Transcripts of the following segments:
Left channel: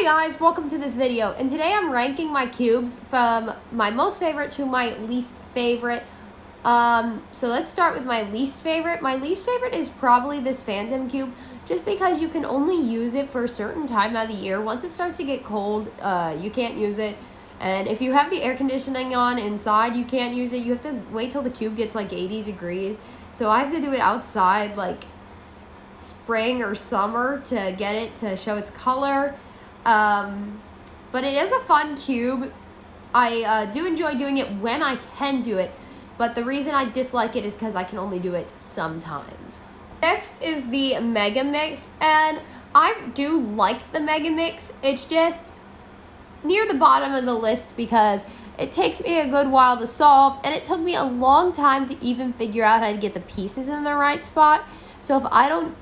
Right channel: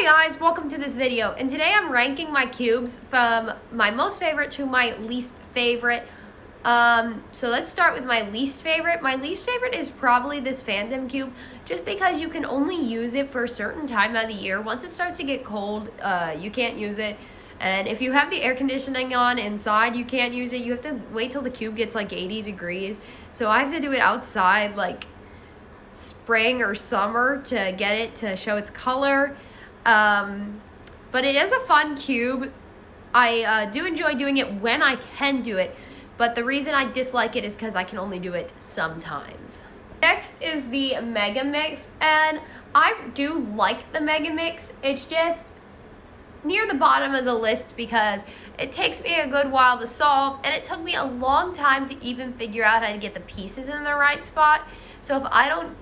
Hey guys, welcome to this video, and today I'm ranking my cubes from my most favorite to my least favorite. So let's start with my least favorite. My least favorite is probably this Phantom cube, just because you can only use it for a certain time of the year. Once it starts to get cold, you can't use it, and if you have the air conditioning on inside, you can't use it. You have to wait till the cube gets like 80 degrees, so I have to do it outside like spring or summer to get it to show its color. But it is a fun cube. I do enjoy doing it when I can do it, but the reason I dislike it is because I can only do it sometimes. Next is the Mega Mix, and I do like the Mega Mix. It's just near the bottom of the list because it takes me a good while to solve, and it took me a long time to even figure out how to get the pieces in the right spot. So if I don't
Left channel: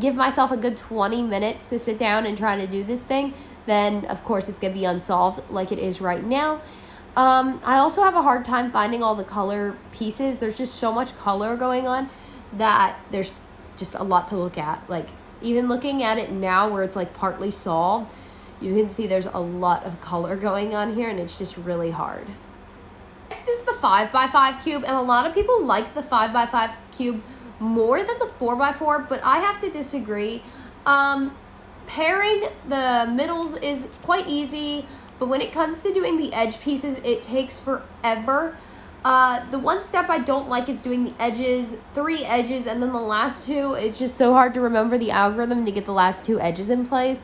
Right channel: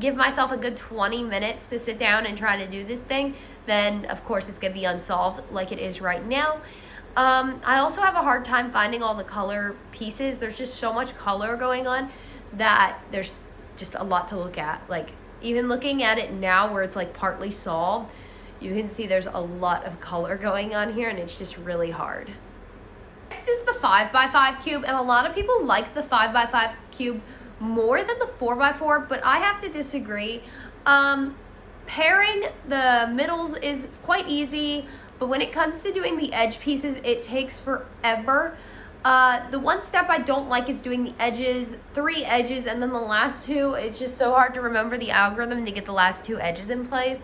give myself a good 20 minutes to sit down and try to do this thing, then of course it's gonna be unsolved like it is right now. I also have a hard time finding all the color pieces. There's just so much color going on that there's just a lot to look at. Like, even looking at it now where it's like partly solved, you can see there's a lot of color going on here, and it's just really hard. Next is the 5x5 cube, and a lot of people like the 5x5 cube more than the 4x4, but I have to disagree. Pairing the middles is quite easy, but when it comes to doing the edge pieces, it takes forever. The one step I don't like is doing the edges, 3 edges, and then the last 2. It's just so hard to remember the algorithm to get the last 2 edges in place.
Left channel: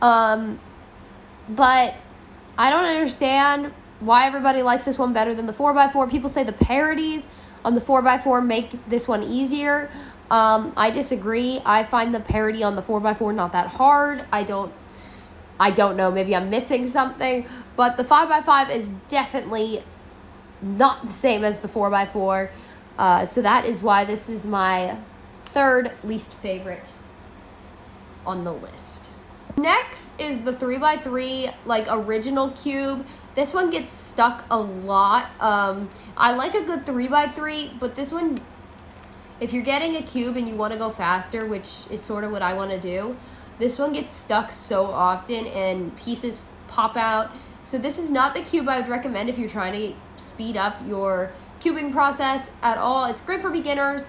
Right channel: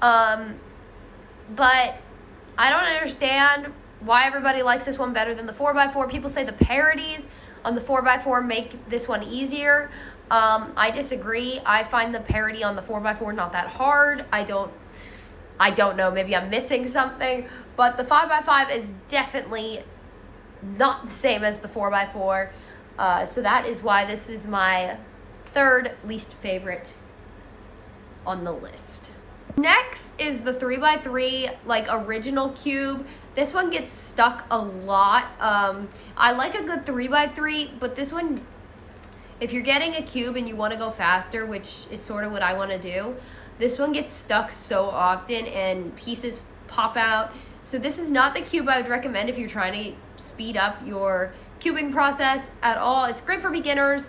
But I don't understand why everybody likes this one better than the 4x4. People say the parodies on the 4x4 make this one easier. I disagree. I find the parody on the 4x4 not that hard. I don't know, maybe I'm missing something, but the 5x5 is definitely not the same as the 4x4. So that is why this is my third least favorite on the list. Next is the 3x3 like original cube. This one gets stuck a lot. I like a good 3x3, but this one, if you're getting a cube and you want to go faster, which is sort of what I want to do, this one gets stuck so often and pieces pop out. So this is not the cube I would recommend if you're trying to speed up your cubing process at all. It's great for beginners,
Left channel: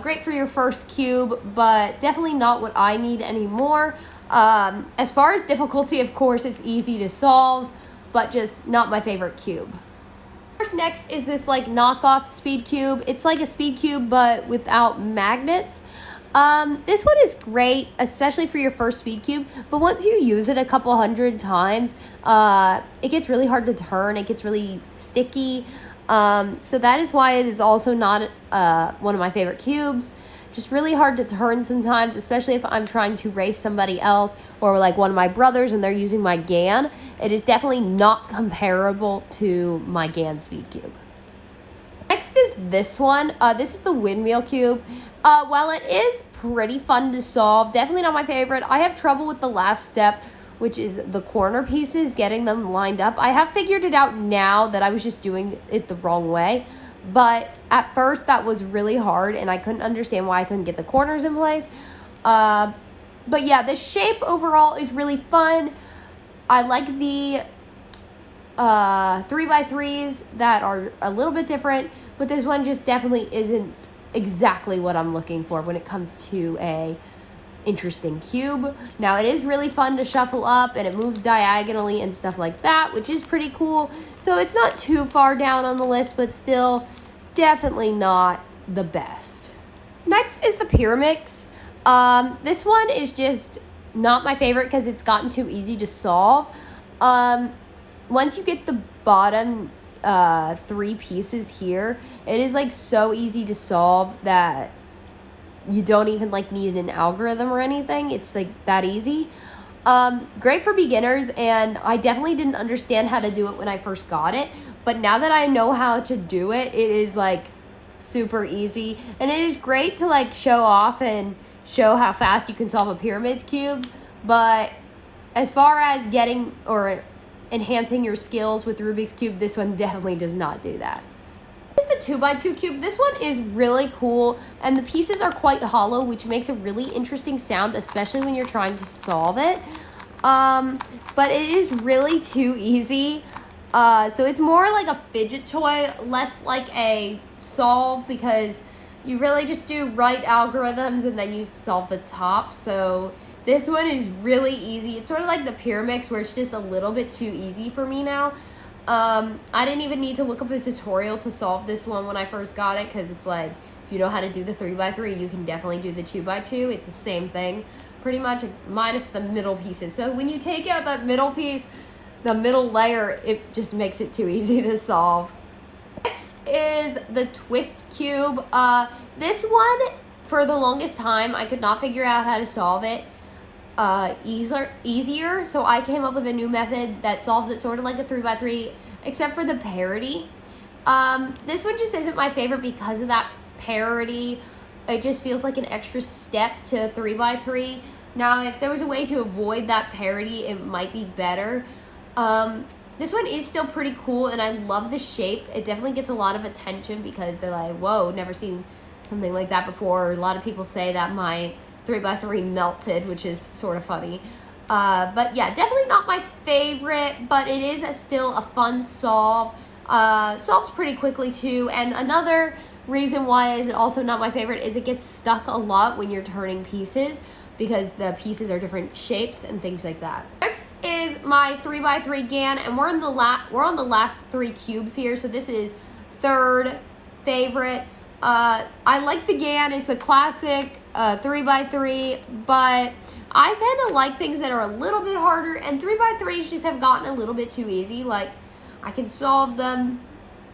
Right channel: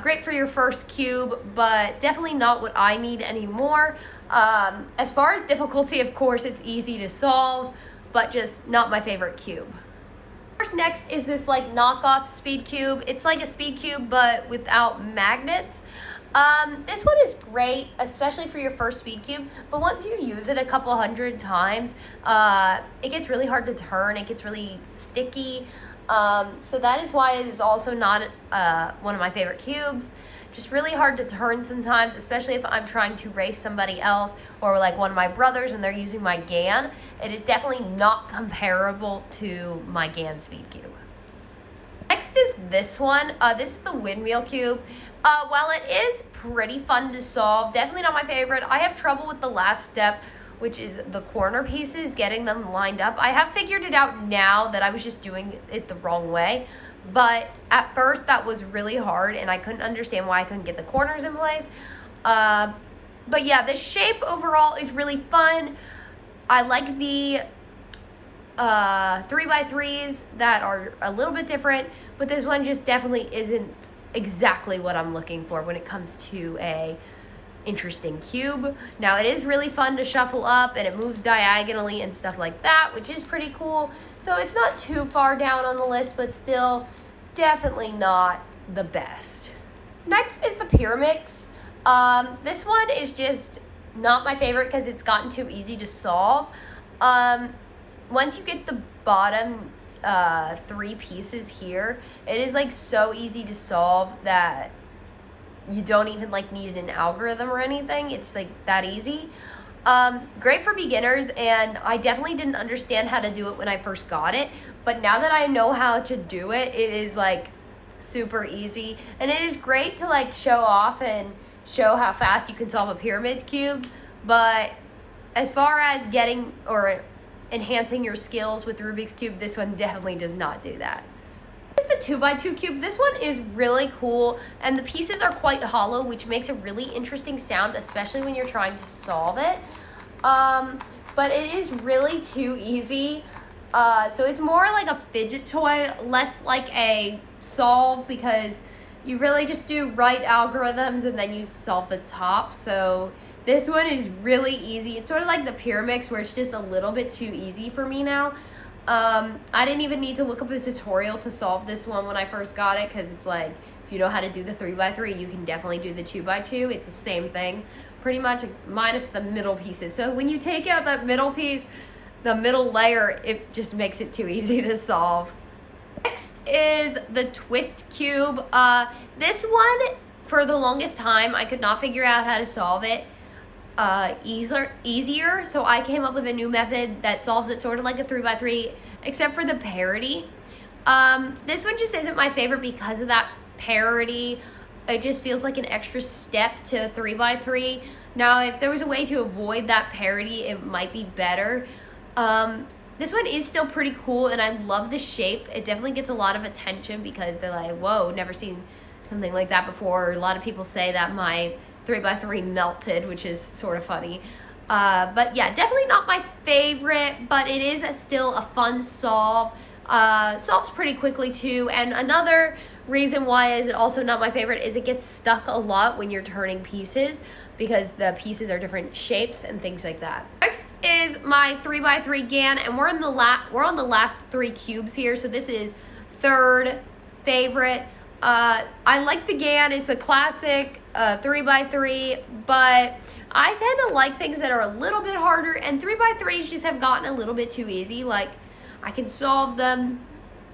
great for your first cube, but definitely not what I need anymore. As far as difficulty, of course, it's easy to solve, but just not my favorite cube. Next is this like knockoff speed cube. It's like a speed cube but without magnets. This one is great, especially for your first speed cube, but once you use it a couple hundred times, it gets really hard to turn. It gets really sticky. So that is why it is also not one of my favorite cubes. Just really hard to turn sometimes, especially if I'm trying to race somebody else or like one of my brothers and they're using my GAN. It is definitely not comparable to my GAN speed cube. Next is this one. This is the windmill cube. While it is pretty fun to solve, definitely not my favorite. I have trouble with the last step, which is the corner pieces, getting them lined up. I have figured it out now that I was just doing it the wrong way. But at first that was really hard and I couldn't understand why I couldn't get the corners in place. But yeah, the shape overall is really fun. I like the 3x3s that are a little bit different, but this one just definitely isn't exactly what I'm looking for when it comes to a interesting cube. Now, it is really fun to shuffle up and it moves diagonally and stuff like that, which is pretty cool. So it's not too far down on the list, but still definitely not the best. Next is the Pyramix. This one is just not my favorite because it's gotten too easy to solve. Once you get the bottom 3 pieces here, it is like so easy to solve that you don't even like need an algorithm or anything. It's like that easy. Great for beginners, and I definitely didn't understand how to do it when I first got it, but now that I know how to do it, it is like super easy, and it is great to like show off and show how fast you can solve a pyramid cube. But as far as getting or enhancing your skills with Rubik's Cube, this one definitely does not do that. This is the 2x2 cube. This one is really cool, and the pieces are quite hollow, which makes a really interesting sound, especially when you're trying to solve it. but it is really too easy. So it's more like a fidget toy, less like a solve, because you really just do right algorithms and then you solve the top. So this one is really easy. It's sort of like the Pyramix, where it's just a little bit too easy for me now. I didn't even need to look up a tutorial to solve this one when I first got it, because it's like, if you know how to do the 3x3, you can definitely do the 2x2. It's the same thing, pretty much, minus the middle pieces. So when you take out that middle piece, the middle layer, it just makes it too easy to solve. Next is the twist cube. This one, for the longest time, I could not figure out how to solve it easier, so I came up with a new method that solves it sort of like a 3x3, except for the parity. This one just isn't my favorite because of that parity. It just feels like an extra step to 3x3. Now, if there was a way to avoid that parity, it might be better. This one is still pretty cool, and I love the shape. It definitely gets a lot of attention because they're like, whoa, never seen something like that before. A lot of people say that my 3x3 melted, which is sort of funny. But yeah, definitely not my favorite, but it is still a fun solve. Solves pretty quickly too, and another reason why it's also not my favorite is it gets stuck a lot when you're turning pieces, because the pieces are different shapes and things like that. Next is my 3x3 GAN, and we're on the last 3 cubes here, so this is third favorite. I like the GAN. It's a classic 3x3, but I tend to like things that are a little bit harder, and 3x3s just have gotten a little bit too easy. Like, I can solve them.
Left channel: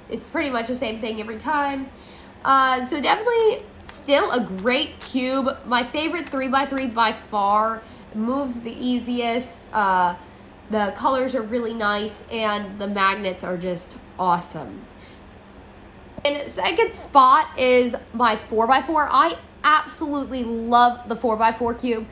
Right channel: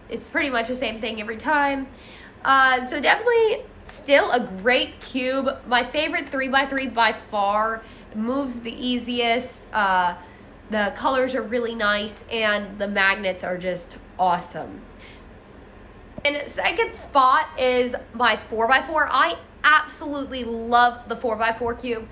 It's pretty much the same thing every time. So definitely still a great cube. My favorite 3x3 by far. It moves the easiest. The colors are really nice, and the magnets are just awesome. And second spot is my 4x4. I absolutely love the 4x4 cube.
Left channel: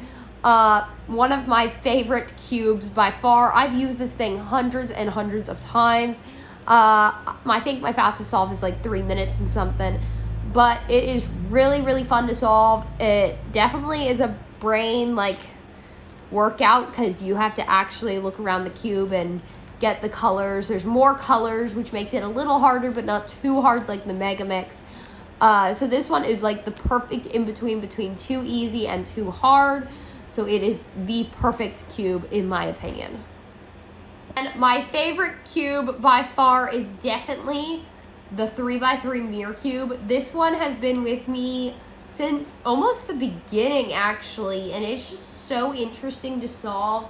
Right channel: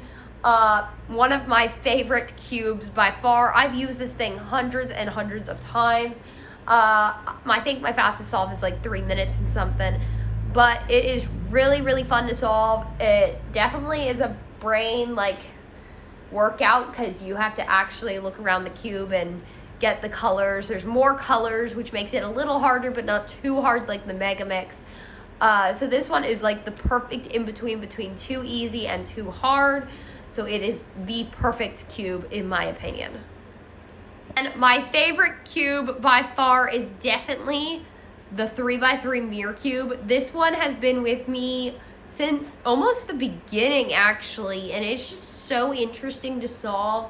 One of my favorite cubes by far. I've used this thing hundreds and hundreds of times. I think my fastest solve is like 3 minutes and something. But it is really, really fun to solve. It definitely is a brain workout, because you have to actually look around the cube and get the colors. There's more colors, which makes it a little harder, but not too hard like the Megamix. So this one is like the perfect in-between between too easy and too hard. So it is the perfect cube in my opinion. And my favorite cube by far is definitely the 3x3 mirror cube. This one has been with me since almost the beginning, actually, and it's just so interesting to solve.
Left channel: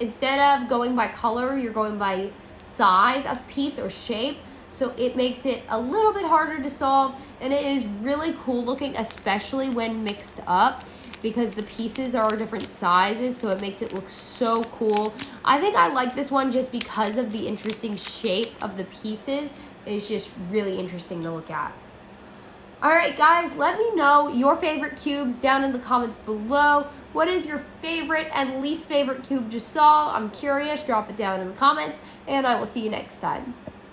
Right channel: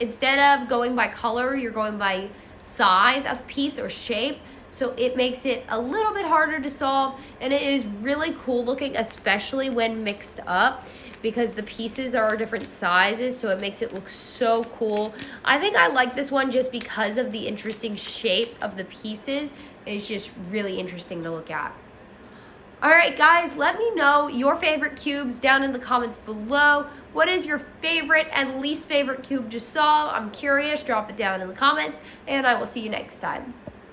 Instead of going by color, you're going by size of piece or shape, so it makes it a little bit harder to solve, and it is really cool looking, especially when mixed up, because the pieces are different sizes, so it makes it look so cool. I think I like this one just because of the interesting shape of the pieces. It's just really interesting to look at. Alright guys, let me know your favorite cubes down in the comments below. What is your favorite and least favorite cube to solve? I'm curious. Drop it down in the comments, and I will see you next time.